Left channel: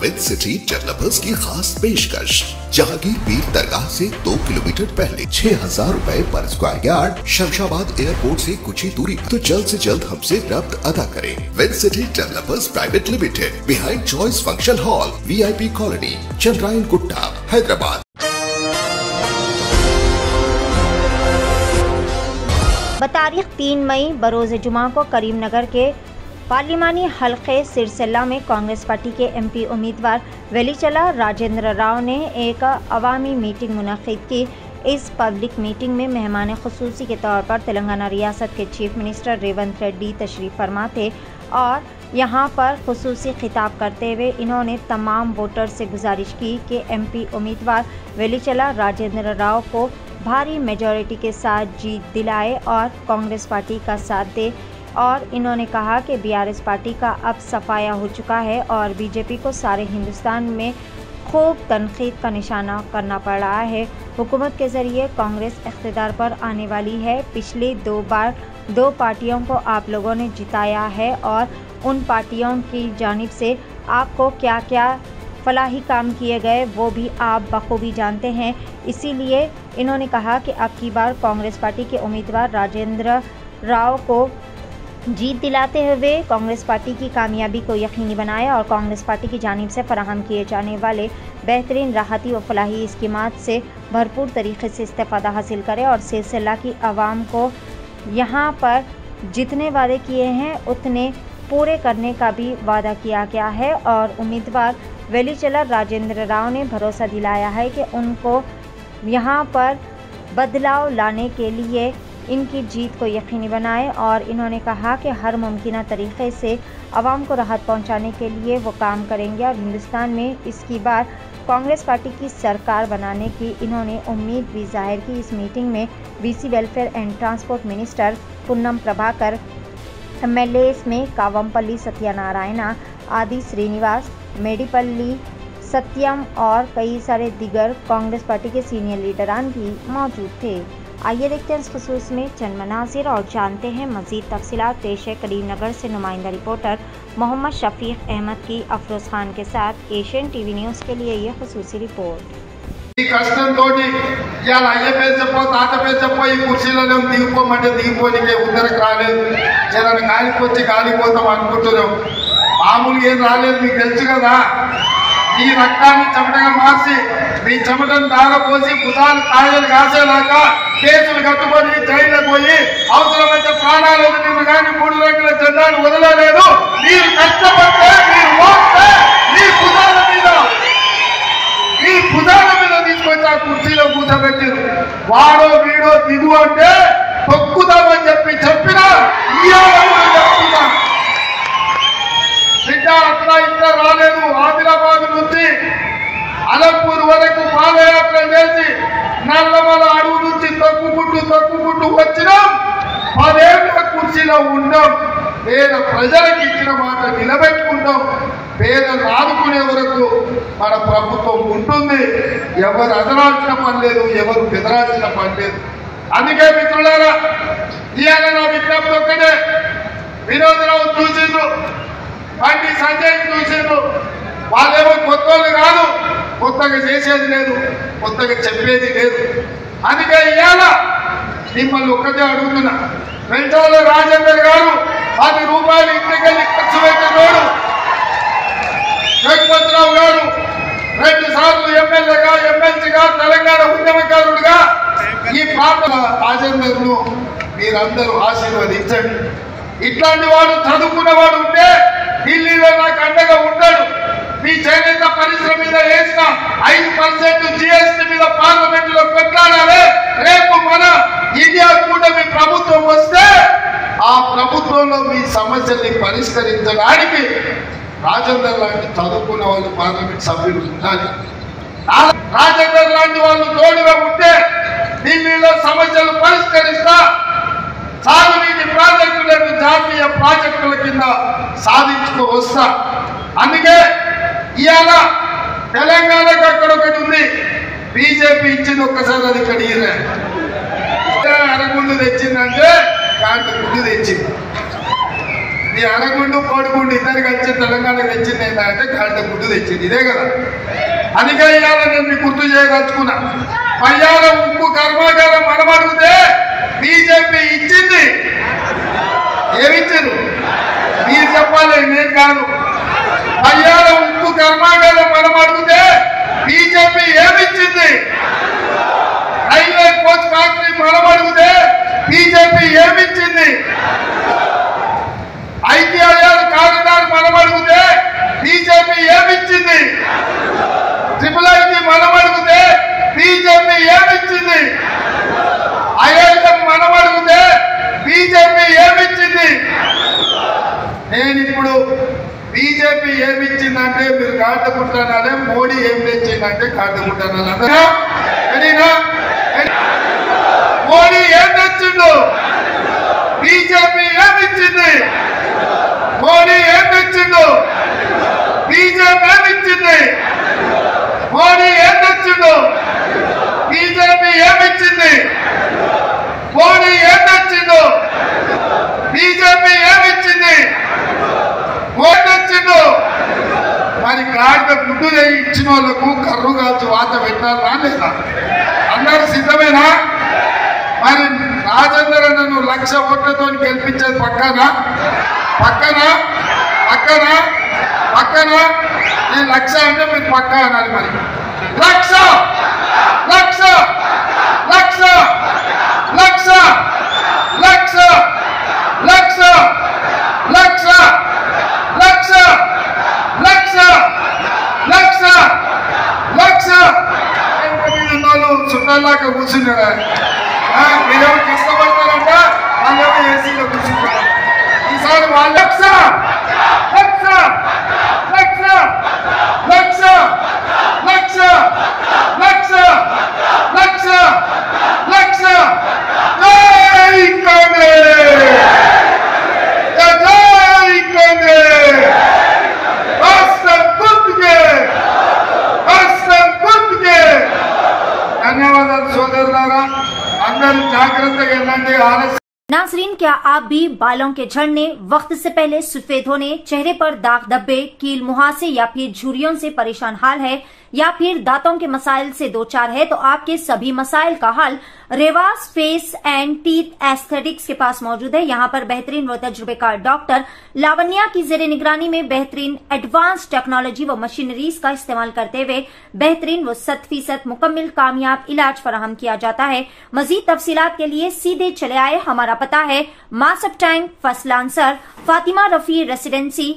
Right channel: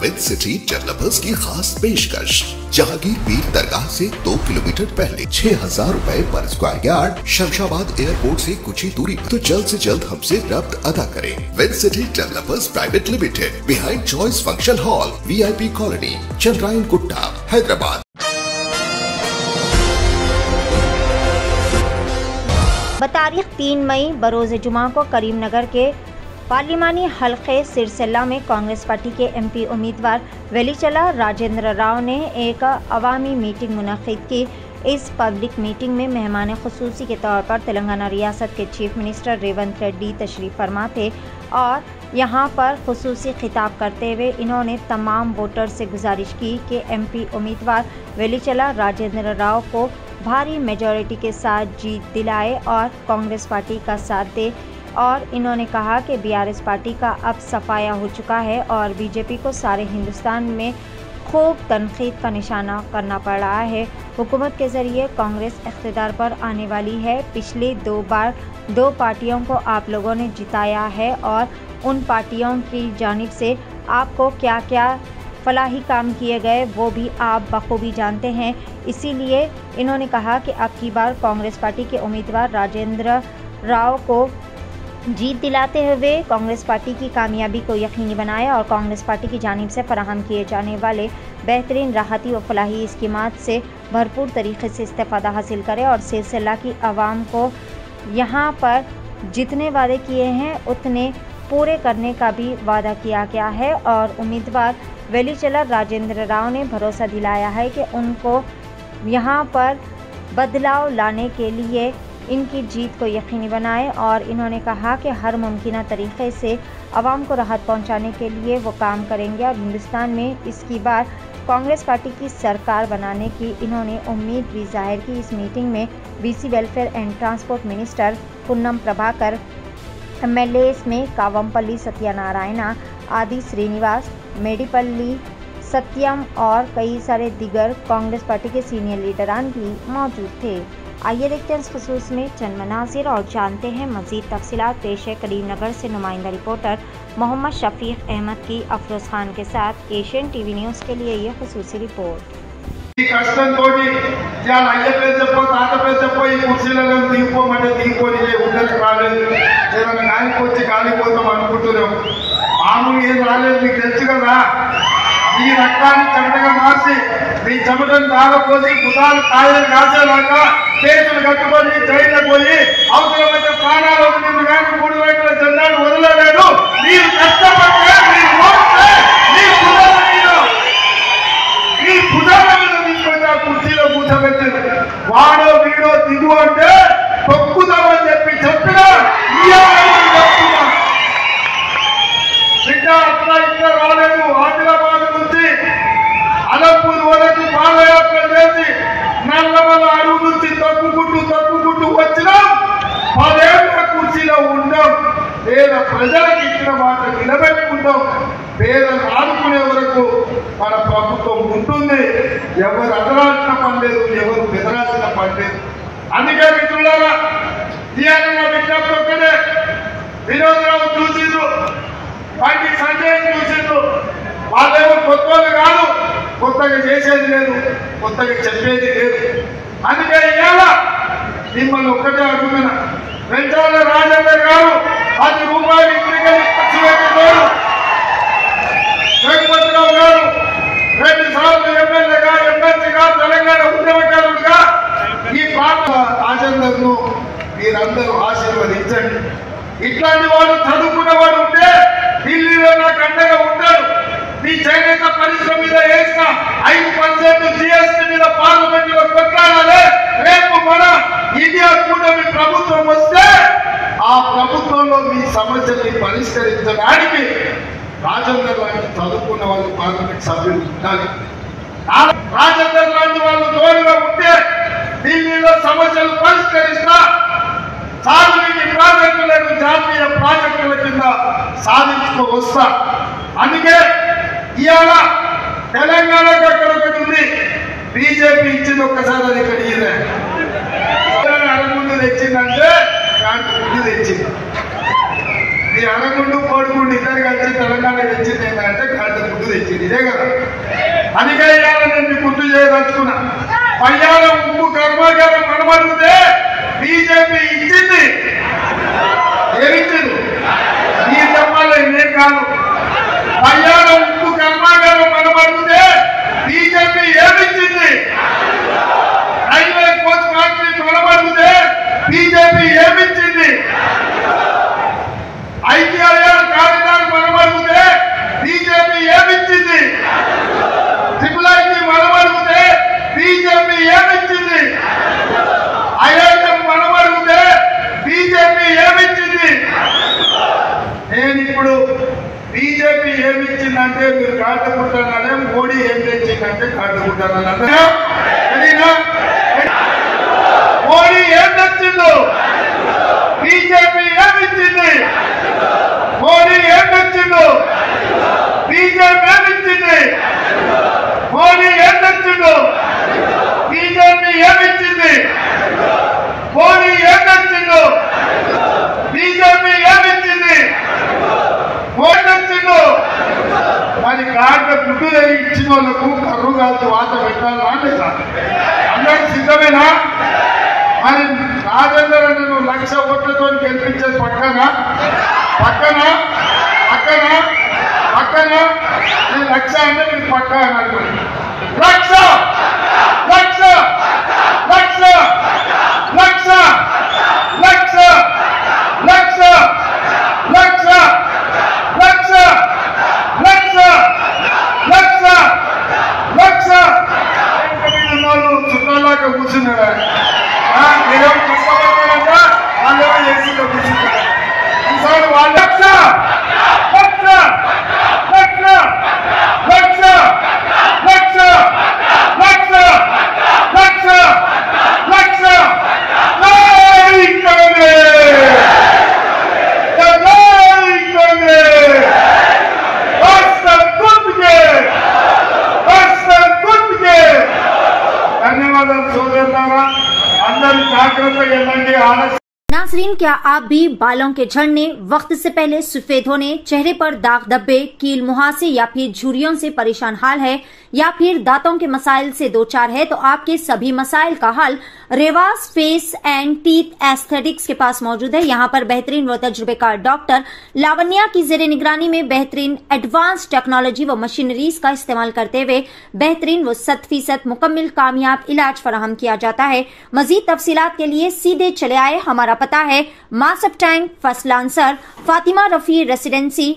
With city developers की खास पेशकश। जहांगीर पीर दरगाह से 2 किलोमीटर पहले 6,000 रुपए पर स्क्वायर यार्ड, शमशाबाद एयरपोर्ट से कुछ ही दूरी पर। तो जल्द से जल्द हमसे रब्त अदा करें। With city developers private limited, behind choice function hall, VIP colony, Chandrayan Gutta, Hyderabad. बतारीख 3 मई बरोज़ जुमा को करीमनगर के पार्लिमानी हल्के सिरसिल्ला में कांग्रेस पार्टी के MP उम्मीदवार वेलीचला राजेंद्र राव ने एक अवामी मीटिंग मुनक़िद की। इस पब्लिक मीटिंग में मेहमान ख़ुसूसी के तौर पर तेलंगाना रियासत के चीफ मिनिस्टर रेवंत रेड्डी तशरीफ़ फरमा थे और यहाँ पर ख़ुसूसी खिताब करते हुए इन्होंने तमाम वोटर से गुजारिश की कि MP उम्मीदवार वेलीचला राजेंद्र राव को भारी मेजॉरिटी के साथ जीत दिलाए और कांग्रेस पार्टी का साथ दे। और इन्होंने कहा कि BRS पार्टी का अब सफाया हो चुका है और BJP को सारे हिंदुस्तान में खूब तनकीद का निशाना करना पड़ रहा है। हुकूमत के ज़रिए कांग्रेस इख्तिदार पर आने वाली है। पिछले 2 बार 2 पार्टियों को आप लोगों ने जिताया है और उन पार्टियों की जानिब से आपको क्या क्या फलाही काम किए गए वो भी आप बखूबी जानते हैं। इसीलिए इन्होंने कहा कि अब की बार कांग्रेस पार्टी के उम्मीदवार राजेंद्र राव को जीत दिलाते हुए कांग्रेस पार्टी की कामयाबी को यकीनी बनाया और कांग्रेस पार्टी की जानिब से फराहम किए जाने वाले बेहतरीन राहती व फलाही स्कीमात से भरपूर तरीके से इस्तेफ़ादा हासिल करें और सिलसिला की आवाम को यहाँ पर जितने वादे किए हैं उतने पूरे करने का भी वादा किया गया है। और उम्मीदवार वेलीचला राजेंद्र राव ने भरोसा दिलाया है कि उनको यहाँ पर बदलाव लाने के लिए इनकी जीत को यकीनी बनाएं और इन्होंने कहा कि हर मुमकिन तरीक़े से आवाम को राहत पहुंचाने के लिए वो काम करेंगे और हिंदुस्तान में इसकी बार कांग्रेस पार्टी की सरकार बनाने की इन्होंने उम्मीद भी जाहिर की। इस मीटिंग में BC welfare and transport minister Punnam Prabhakar, MLAs में कावमपल्ली सत्यनारायणा, आदि श्रीनिवास, मेडिपल्ली सत्यम और कई सारे दिगर कांग्रेस पार्टी के सीनियर लीडरान भी मौजूद थे। आइए देखते हैं इस खुसूस में चंद मनाज़िर और जानते हैं मज़ीद तफसीलात। पेश है करीमनगर से नुमाइंदा रिपोर्टर मोहम्मद शफीक अहमद की अफरोज़ खान के साथ एशियन TV न्यूज़ के लिए ये खुसूसी रिपोर्ट। ఈ రక్తాన్ని చెమటగా మార్చి మీ చెమటను దాగపోసి కుదాలు కాయలు కాసేలాగా కేసులు కట్టుబడి జైలుకు పోయి అవసరమైతే ప్రాణాలు వదిలిన కానీ 3 రంగుల జెండాలు వదలలేదు. మీరు కష్టపడితే మీరు మోస్తే మీ భుజాల మీద తీసుకొచ్చి ఆ కుర్చీలో కూర్చోబెట్టారు. వాడో వీడో దిగు అంటే తొక్కుదామని చెప్పినా చెప్తున్నా బిడ్డ అట్లా ఇట్లా రాలేదు. ఆదిలాబాద్ నుంచి అలంపూర్ వరకు పాదయాత్ర చేసి నల్లమల అడవి నుంచి తొక్కుకుంటూ వచ్చినాం. 10 ఏళ్ల కుర్చీలో ఉన్నాం. పేద ప్రజలకు ఇచ్చిన మాట నిలబెట్టుకుంటాం. పేదలు ఆదుకునే వరకు మన ప్రభుత్వం ఉంటుంది. ఎవరు అదరాల్సిన పని లేదు, ఎవరు బెదరాల్సిన పని లేదు. అందుకే మిత్రులారా, ఇవాళ నా విజ్ఞప్తి ఒక్కటే. వినోదరావు చూసిండ్రు, బండి సంజయ్ చూసిండ్రు. వాళ్ళేమో కొత్తోళ్ళు కాదు, కొత్తగా చేసేది లేదు, కొత్తగా చెప్పేది లేదు. అందుకే ఇవాళ మిమ్మల్ని ఒక్కటే అడుగుతున్నా. వెంటోళ్ళ రాజేందర్ గారు 10 రూపాయలు ఇంటికెళ్ళి ఖర్చు పెట్టినోడు. జగపతిరావు గారు 2 సార్లు ఎమ్మెల్యేగా, ఎమ్మెల్సీగా, తెలంగాణ ఉద్యమకారుడుగా ఈ ప్రాంత రాజేందర్ను మీరందరూ ఆశీర్వదించండి. ఇట్లాంటి వాడు చదువుకున్నవాడు ఉంటే ఢిల్లీలో నాకు అండగా ఉంటాడు. మీ చేనేత పరిశ్రమ మీద వేసిన 5% GST మీద పార్లమెంటులో కొట్లాడాలి. రేపు మన ఇండియా కూటమి ప్రభుత్వం వస్తే ఆ ప్రభుత్వంలో మీ సమస్యల్ని పరిష్కరించడానికి రాజేందర్ లాంటి చదువుకున్న వాళ్ళు పార్లమెంట్ సభ్యులు ఉండాలి. రాజేందర్ లాంటి వాళ్ళు తోడుగా ఉంటే ఢిల్లీలో సమస్యలు పరిష్కరిస్తా సాగునీటి ప్రాజెక్టులను జాతీయ ప్రాజెక్టుల కింద సాధించుకు వస్తా. అందుకే ఇవాళ తెలంగాణకు అక్కడ ఒకటి ఉంది, BJP ఇచ్చింది. ఒక్కసారి అది ఇక్కడ అరగుండు తెచ్చిందంటే దాంట్లో ముందు తెచ్చింది. ఈ అనగుండు కోడిగుండు ఇద్దరు కలిసి తెలంగాణ తెచ్చింది ఏంటంటే కళ్ళ గుడ్డు తెచ్చింది. ఇదే కదా. అందుకే ఇవాళ నేను మీకు గుర్తు చేయదలుచుకున్నా. పయ్యాల ఉప్పు కర్మాగారం మనం అడిగితే బీజేపీ ఇచ్చింది. ఏమిచ్చింది? మీరు చెప్పాలి, నేను కాదు. పయ్యాల ఉప్పు కర్మాగారం మనం అడిగితే బీజేపీ ఏమిచ్చింది? రైల్వే కోచ్ ఫ్యాక్టరీ మనం అడిగితే బీజేపీ ఏమిచ్చింది? ఐటీఐఆర్ కారిడార్ మనం అడిగితే బీజేపీ ఏమిచ్చింది? ట్రిపుల్ ఐటీ మనం అడిగితే బీజేపీ ఏమిచ్చింది? ఐఐఎం మనం అడిగితే బీజేపీ ఏమిచ్చింది? నేను ఇప్పుడు బీజేపీ ఏమిచ్చిందంటే మీరు కాటుకుంటున్నారే, మోడీ ఏం తెచ్చిందంటే కాటుకుంటున్నాను. అంతేనా? మోడీ ఏం తెచ్చిండు? బీజేపీ ఏమిచ్చింది? మోడీ ఏం తెచ్చిండు? బీజేపీ ఏమిచ్చింది? మోడీ ఏం తెచ్చిండు? బీజేపీ ఏమిచ్చింది? మోడీ ఏం తెచ్చిండు? బీజేపీ ఏమిచ్చింది? మోడీ తెచ్చిండు. మరి కార్డు గుడ్డు ఇచ్చిన వాళ్ళకు కర్రు కాల్చి వాత పెట్టాలా లేదా? అందరూ సిద్ధమేనా? మరి రాజేందర్ అన్నను 1,00,000 ఓట్లతో గెలిపించేది పక్కన నేను 1,00,000 అంటే మీరు పక్క అన్నారు. మరి 1,00,000 చుట్టాలాగా కూర్చున్నారా? మీరేమో కష్టపడతారంట, వాళ్ళేమో ఏసీలో కూర్చుంటారు. ఈసారి వాళ్ళు 1,00,000 ధన్యవాదాలు సోదరులారా. అందరూ జాగ్రత్తగా వెళ్ళండి. नाज़रीन, क्या आप भी बालों के झड़ने, वक्त से पहले सफेद होने, चेहरे पर दाग धब्बे, कील मुहासे या फिर झुर्रियों से परेशान हाल है, या फिर दांतों के मसाइल से दो चार है? तो आपके सभी मसाइल का हल Revas face and teeth aesthetics के पास मौजूद है। यहाँ पर बेहतरीन व तजुर्बेकार डॉक्टर लावण्या की जेर निगरानी में बेहतरीन एडवांस टेक्नोलॉजी व मशीनरीज का इस्तेमाल करते हुए बेहतरीन व 100% मुकम्मल कामयाब इलाज फराहम किया जाता है। मजीद तफसीलात के लिए सीधे चले आए। हमारा पता है Masab tank, first lancer, Fatima Rafi residency,